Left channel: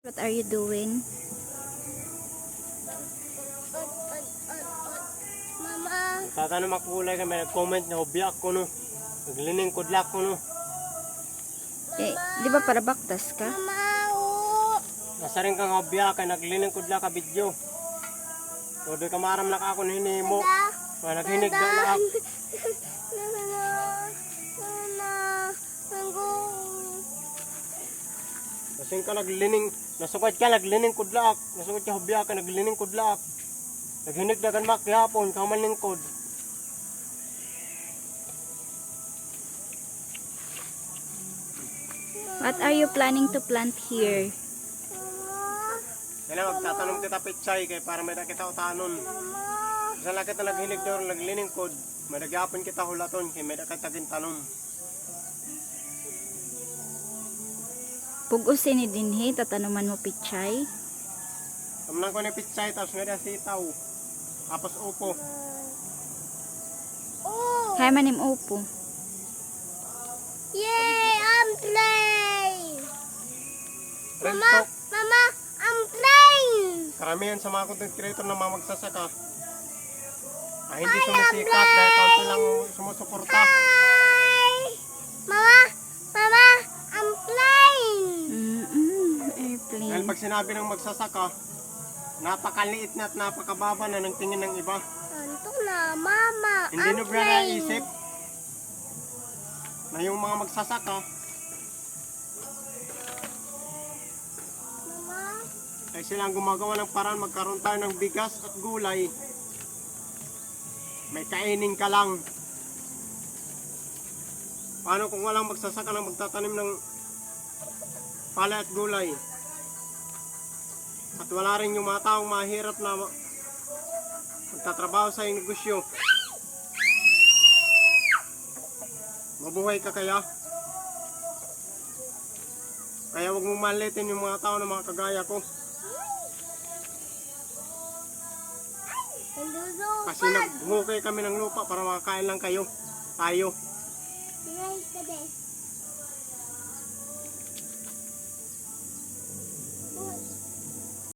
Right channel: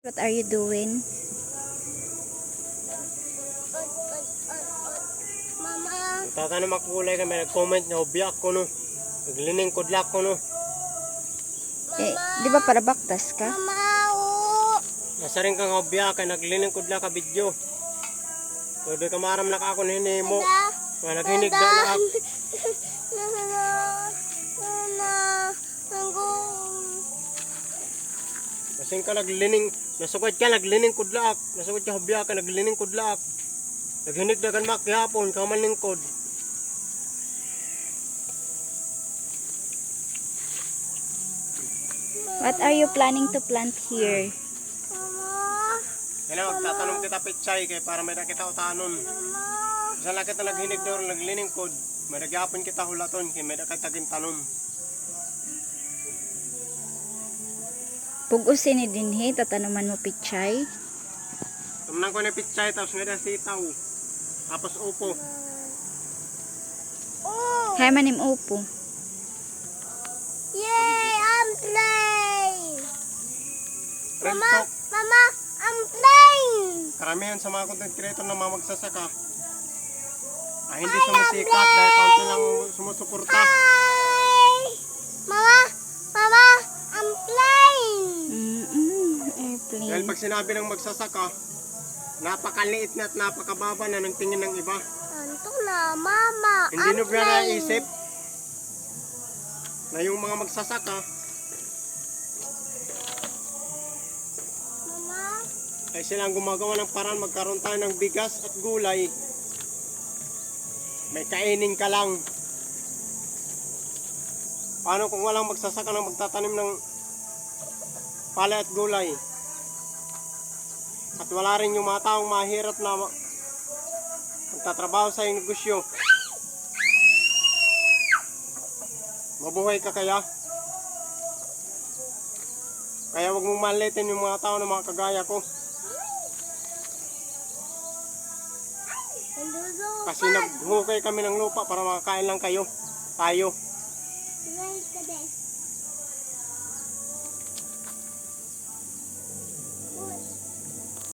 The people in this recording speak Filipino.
What are you doing? Mama. Tatanong makulay kami, nag-comment na hubiyak ko no. Naglining kudlak ko no. Eh, di ba para baktas ka? Nasa rin kang hubiyak, naglining kudlak ka video. Tuloy ka maram na ako na hinimo. Naghinig na laak. Kasing ka naglining, nasugad ka naglining kudlak. Nasugad ka hubiyak ka naglining kudlak. Naghinig na kan makyapon, kaman lingkod. What are you planning to plant here? Kaya magtatanong kita pitsay kay para may nakita utanon. Sa lakit na naghinig daw naglining kod, may nagyapon kita hulaton kay may nakatagin tanom. Pugusin ni dinhi, tatanuman mo pichay. Tumnang ko na pitsay tapos nga sitaw. Tapos upo. Hay manim upo. Yay! I'm playing! Mama! Mama! I'm playing! Karamihan sa mga content creator na mga magsasaka ay hindi sumisikat dahil kaunti lang sumusuporta. Hi! Mama! Mama! I'm playing! Dahil Airplane. pag sinabi ng magsasaka, napakaliit na at napakababa na ng tingin ng iba. Anto na, Mama! Hindi I'm nyo ba playing! naisip na yung mga magsasaka Mama? ay silang gumagawa ng paraan magkaroon tayo ng bigas at gulay. May kainin ka lang. Paano kung walang magsasaka na magtatanim ng palay at gulay? At wala rin yung mga taong mahirap na magtatrabaho sa negosyo. Mabuhay ka kaya? Kaya wag mong malitin yung mga tao na mga kagaya ko. Kasi naghukay kami ng lupa para makakain lang kayo. Tayo. Right,